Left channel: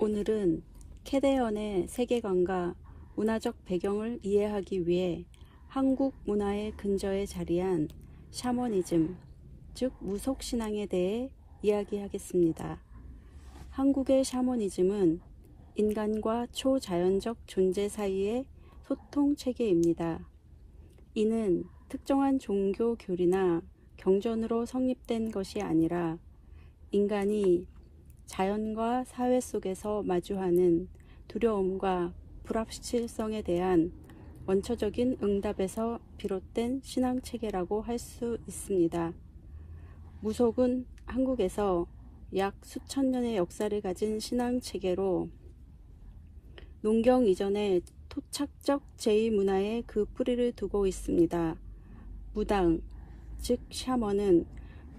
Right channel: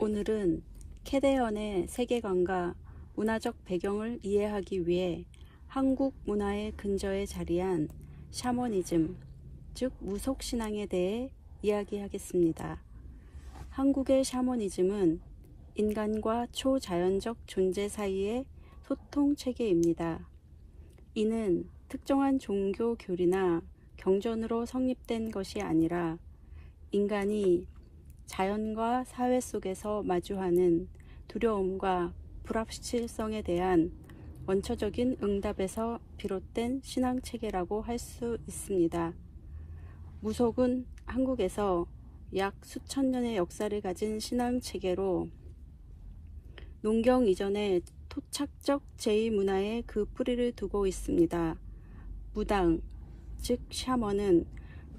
오늘은 캐대언의 세계관과 문화적 배경을 이해하기 위해 한국 문화의 근저에 자리한 샤머니즘, 즉 무속신앙에 대해 이야기하겠습니다. 한국의 샤머니즘은 인간과 초자연적 존재 사이의 소통 체계입니다. 이는 특정한 종교 교리나 경전으로 성립된 것이 아니라 인간이 자연과 사회 속에서 마주하는 두려움과 불확실성에 대한 원초적인 응답에서 비롯된 신앙체계라고 할 수 있습니다. 무속은 한국에서 약 수천 년의 역사를 가진 신앙체계로 농경 이전의 토착적 제2문화에 그 뿌리를 두고 있습니다. 무당, 즉 샤먼은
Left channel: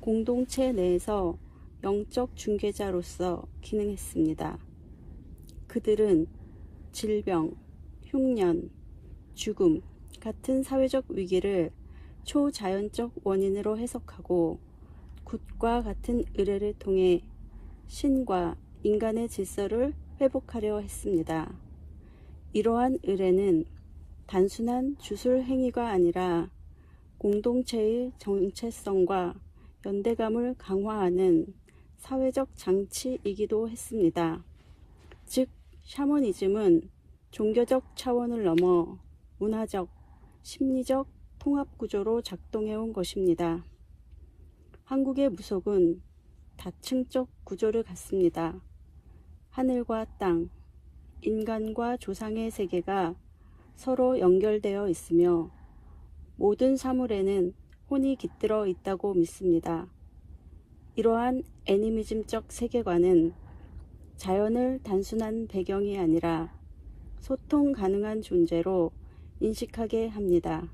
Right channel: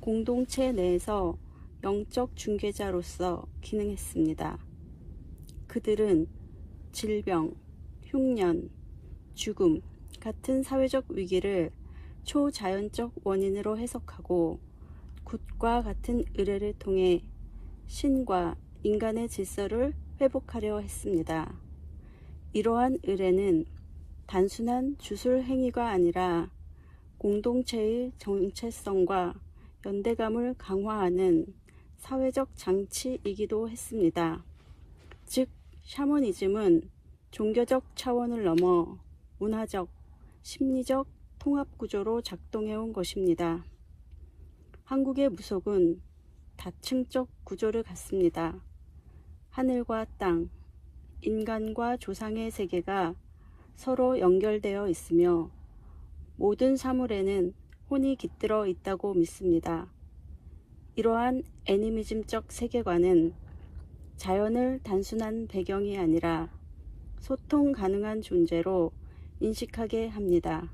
공동체 내에서 영적 중개자로서 기능했습니다. 그들은 질병, 흉년, 죽음 같은 사회적 위기를 초자연적 원인으로 해석하고 굿과 같은 의뢰를 통해 신과 인간의 질서를 회복하려 했습니다. 이러한 의뢰는 단순한 주술 행위가 아니라 공동체의 정체성과 연대감을 강화하는 사회적 장치이기도 했습니다. 즉, 샤머니즘은 종교적 차원을 넘어 문화적, 심리적 통합구조로 작동해온 것입니다. 한국의 무속은 다층적 구조를 갖습니다. 하늘과 땅, 인간과 조상의 세계가 서로 연결되어 있으며 모든 사물에는 혼이 깃들어 있다고 믿습니다. 이러한 애니미즘적 세계관은 자연을 단순한 배경이 아니라 소통 가능한 존재로 인식하게 합니다.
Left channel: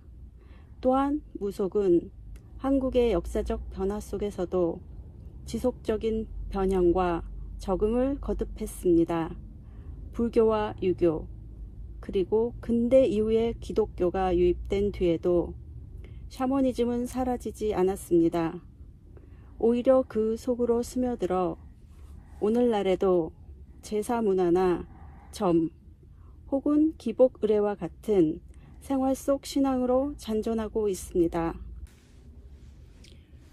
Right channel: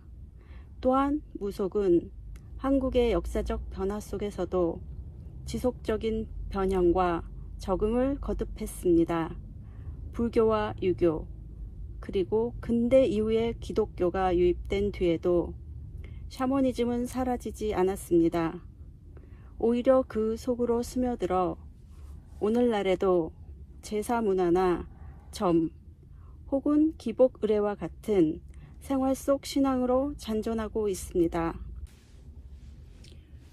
또한 무속은 한국의 역사적 변화 속에서도 지속적인 변형과 적응을 거듭했습니다. 불교와 유교, 그리고 근대 이후에 기독교가 유입된 뒤에도 샤머니즘은 사라지지 않았습니다. 오히려 그 속으로 스며들어 오늘날에도 제사 문화나 점 혹은 기복 의례와 같은 생활 속 신앙으로 잔존하고 있습니다.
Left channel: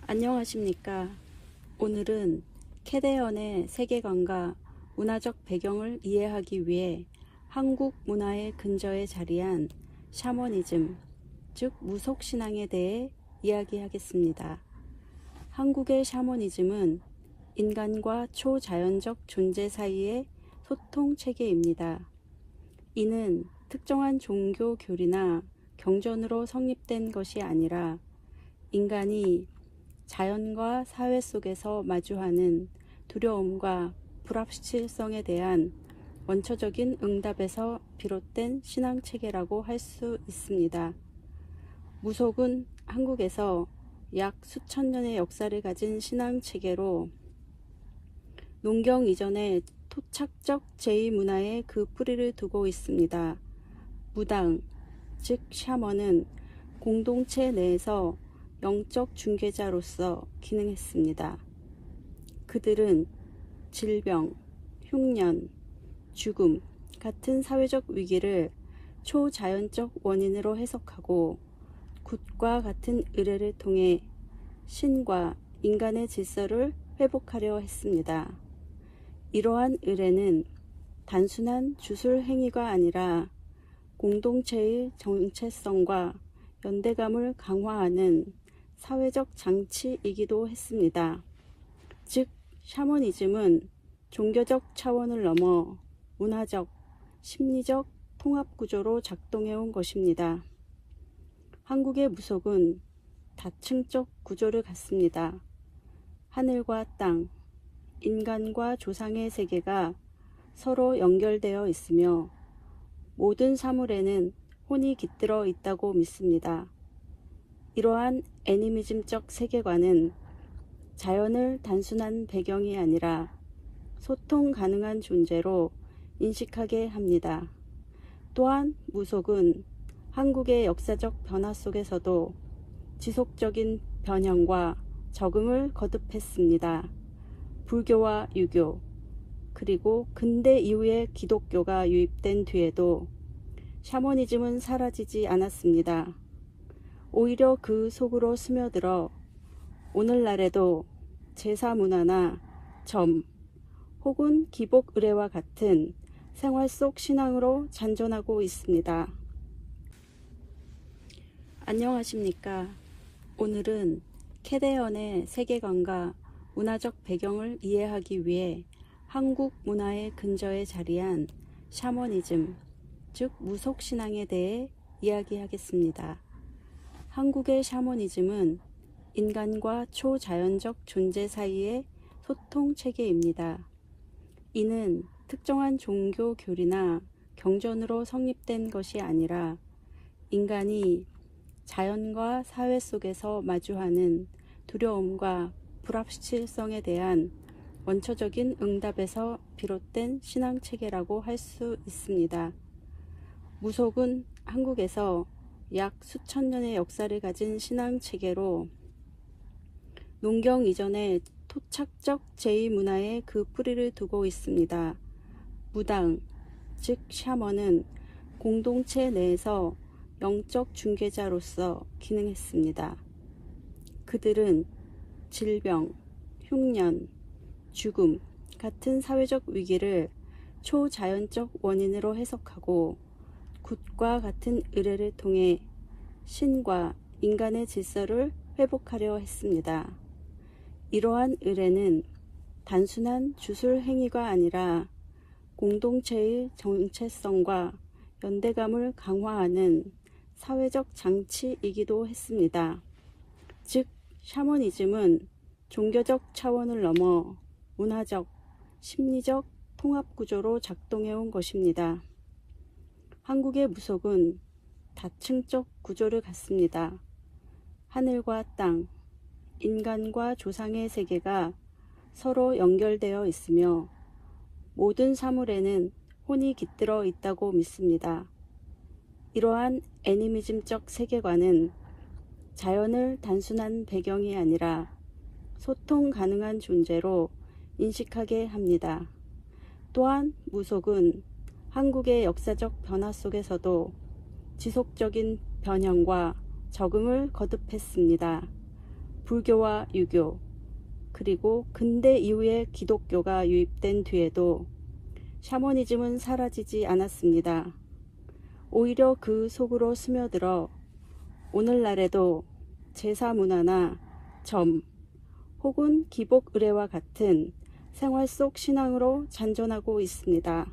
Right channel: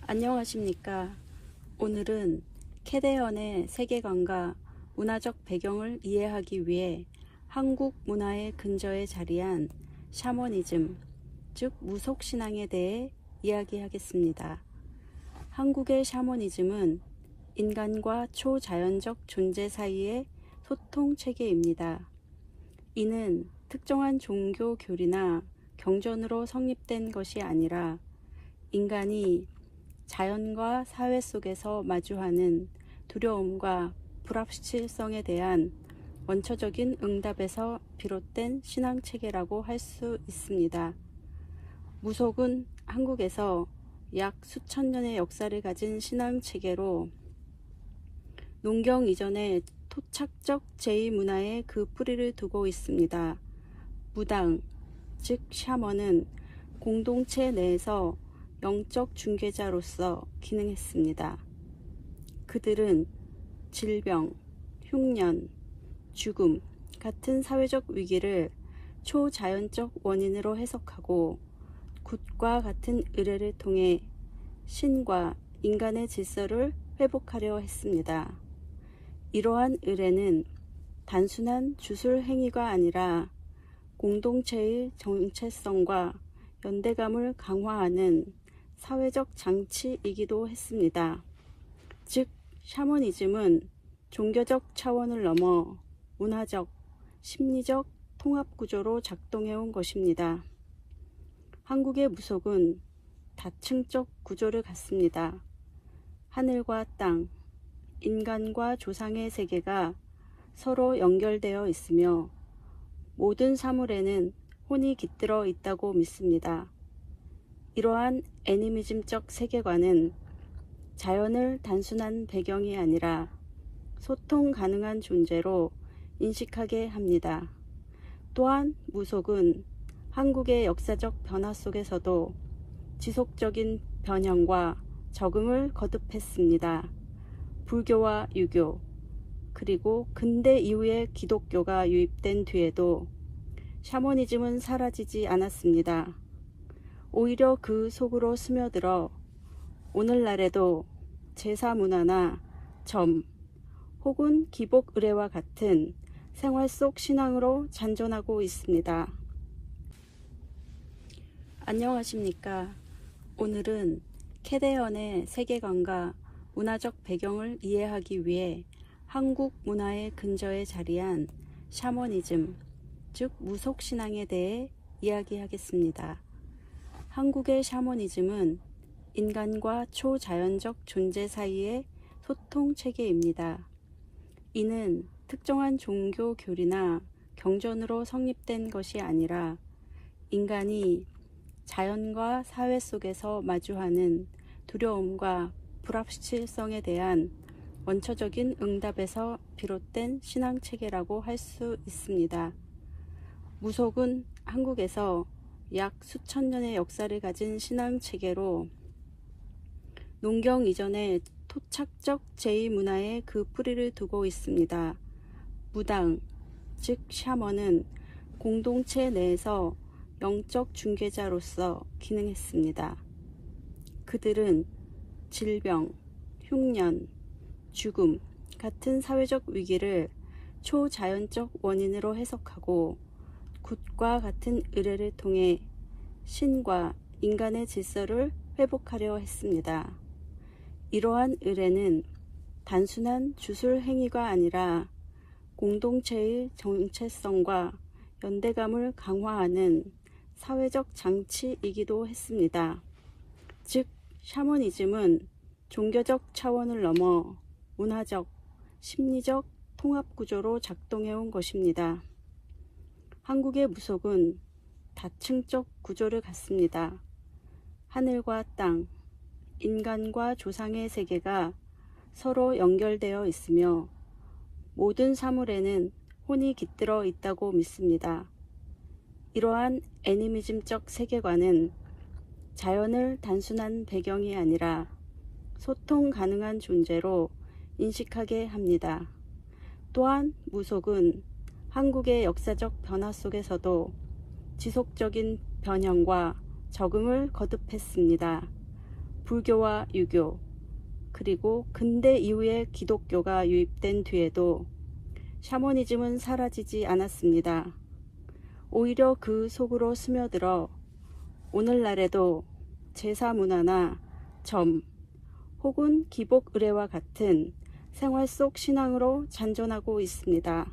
안녕하십니까. 오늘은 캐대언의 세계관과 문화적 배경을 이해하기 위해 한국 문화의 근저에 자리한 샤머니즘, 즉 무속신앙에 대해 이야기하겠습니다. 한국의 샤머니즘은 인간과 초자연적 존재 사이의 소통 체계입니다. 이는 특정한 종교 교리나 경전으로 성립된 것이 아니라 인간이 자연과 사회 속에서 마주하는 두려움과 불확실성에 대한 원초적인 응답에서 비롯된 신앙체계라고 할 수 있습니다. 무속은 한국에서 약 수천 년의 역사를 가진 신앙체계로 농경 이전의 토착적 제2문화에 그 뿌리를 두고 있습니다. 무당, 즉 샤먼은 공동체 내에서 영적 중개자로서 기능했습니다. 그들은 질병, 흉년, 죽음 같은 사회적 위기를 초자연적 원인으로 해석하고 굿과 같은 의뢰를 통해 신과 인간의 질서를 회복하려 했습니다. 이러한 의뢰는 단순한 주술 행위가 아니라 공동체의 정체성과 연대감을 강화하는 사회적 장치이기도 했습니다. 즉, 샤머니즘은 종교적 차원을 넘어 문화적, 심리적 통합구조로 작동해온 것입니다. 한국의 무속은 다층적 구조를 갖습니다. 하늘과 땅, 인간과 조상의 세계가 서로 연결되어 있으며 모든 사물에는 혼이 깃들어 있다고 믿습니다. 이러한 애니미즘적 세계관은 자연을 단순한 배경이 아니라 소통 가능한 존재로 인식하게 합니다. 또한 무속은 한국의 역사적 변화 속에서도 지속적인 변형과 적응을 거듭했습니다. 불교와 유교, 그리고 근대 이후에 기독교가 유입된 뒤에도 샤머니즘은 사라지지 않았습니다. 오히려 그 속으로 스며들어 오늘날에도 제사 문화나 점 혹은 기복 의례와 같은 생활 속 신앙으로 잔존하고 있습니다. 안녕하십니까. 오늘은 캐대언의 세계관과 문화적 배경을 이해하기 위해 한국 문화의 근저에 자리한 샤머니즘, 즉 무속신앙에 대해 이야기하겠습니다. 한국의 샤머니즘은 인간과 초자연적 존재 사이의 소통 체계입니다. 이는 특정한 종교 교리나 경전으로 성립된 것이 아니라 인간이 자연과 사회 속에서 마주하는 두려움과 불확실성에 대한 원초적인 응답에서 비롯된 신앙체계라고 할 수 있습니다. 무속은 한국에서 약 수천 년의 역사를 가진 신앙체계로 농경 이전의 토착적 제2문화에 그 뿌리를 두고 있습니다. 무당, 즉 샤먼은 공동체 내에서 영적 중개자로서 기능했습니다. 그들은 질병, 흉년, 죽음 같은 사회적 위기를 초자연적 원인으로 해석하고 굿과 같은 의례를 통해 신과 인간의 질서를 회복하려 했습니다. 이러한 의례는 단순한 주술 행위가 아니라 공동체의 정체성과 연대감을 강화하는 사회적 장치이기도 했습니다. 즉, 샤머니즘은 종교적 차원을 넘어 문화적, 심리적 통합구조로 작동해온 것입니다. 한국의 무속은 다층적 구조를 갖습니다. 하늘과 땅, 인간과 조상의 세계가 서로 연결되어 있으며 모든 사물에는 혼이 깃들어 있다고 믿습니다. 이러한 애니미즘적 세계관은 자연을 단순한 배경이 아니라 소통 가능한 존재로 인식하게 합니다. 또한 무속은 한국의 역사적 변화 속에서도 지속적인 변형과 적응을 거듭했습니다. 불교와 유교, 그리고 근대 이후에 기독교가 유입된 뒤에도 샤머니즘은 사라지지 않았습니다. 오히려 그 속으로 스며들어 오늘날에도 제사 문화나 점 혹은 기복 의례와 같은 생활 속 신앙으로 잔존하고 있습니다.